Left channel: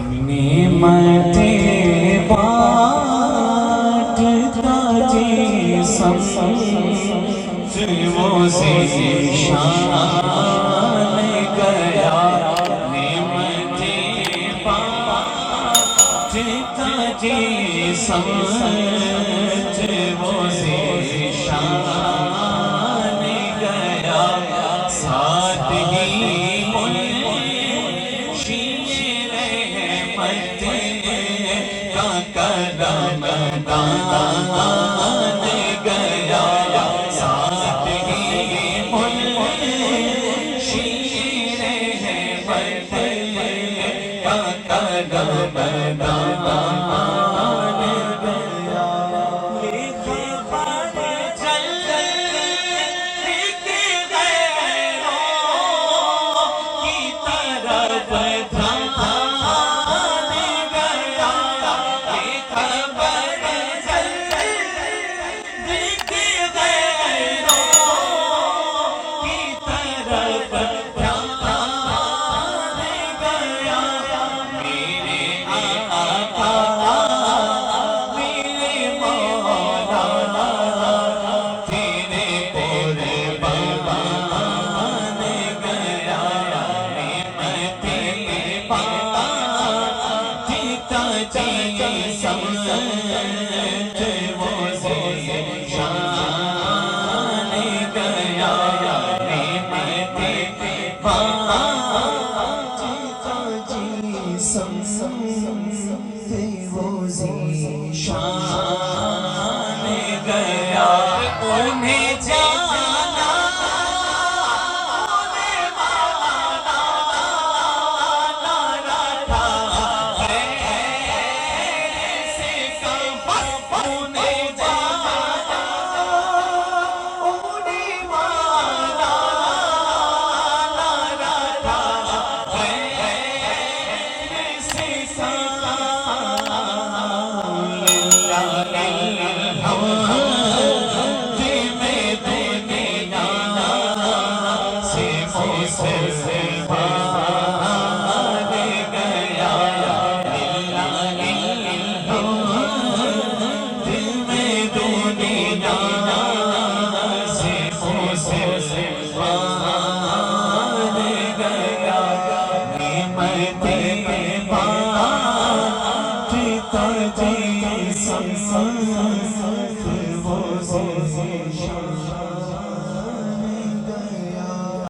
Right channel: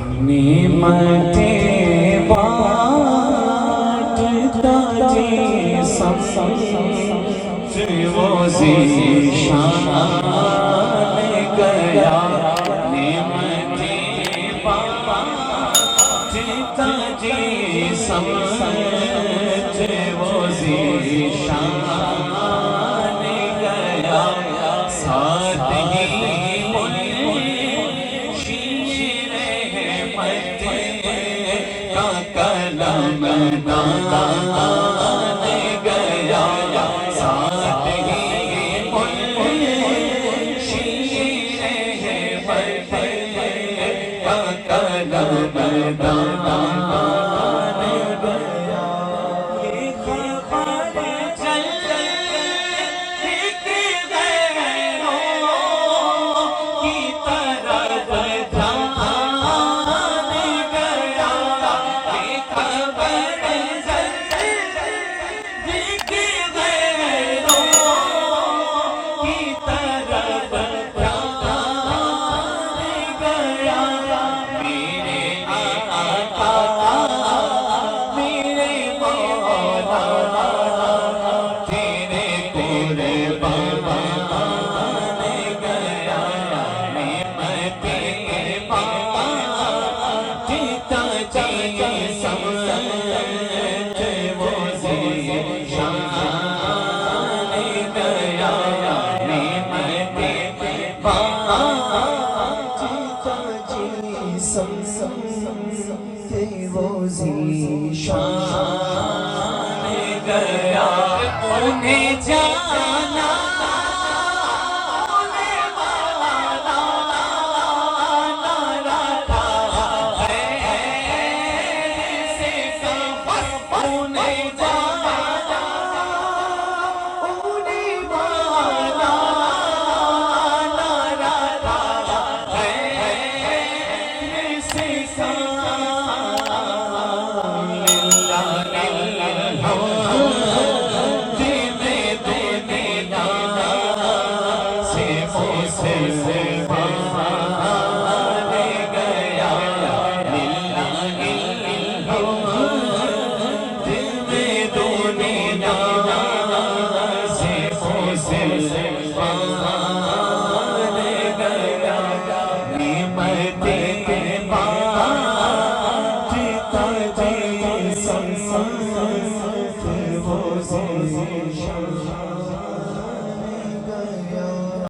نعمتیں بانٹتا جی سمجھ وہ ذیشان گیا نعمتیں بانٹتا جی سمجھ وہ ذیشان گیا سادگی قدم دان گیا سادگی شیر ہے کا قدم دان گیا یہ خبر چل کے غیروں کی طرف وہ ذیشان گیا انہیں جان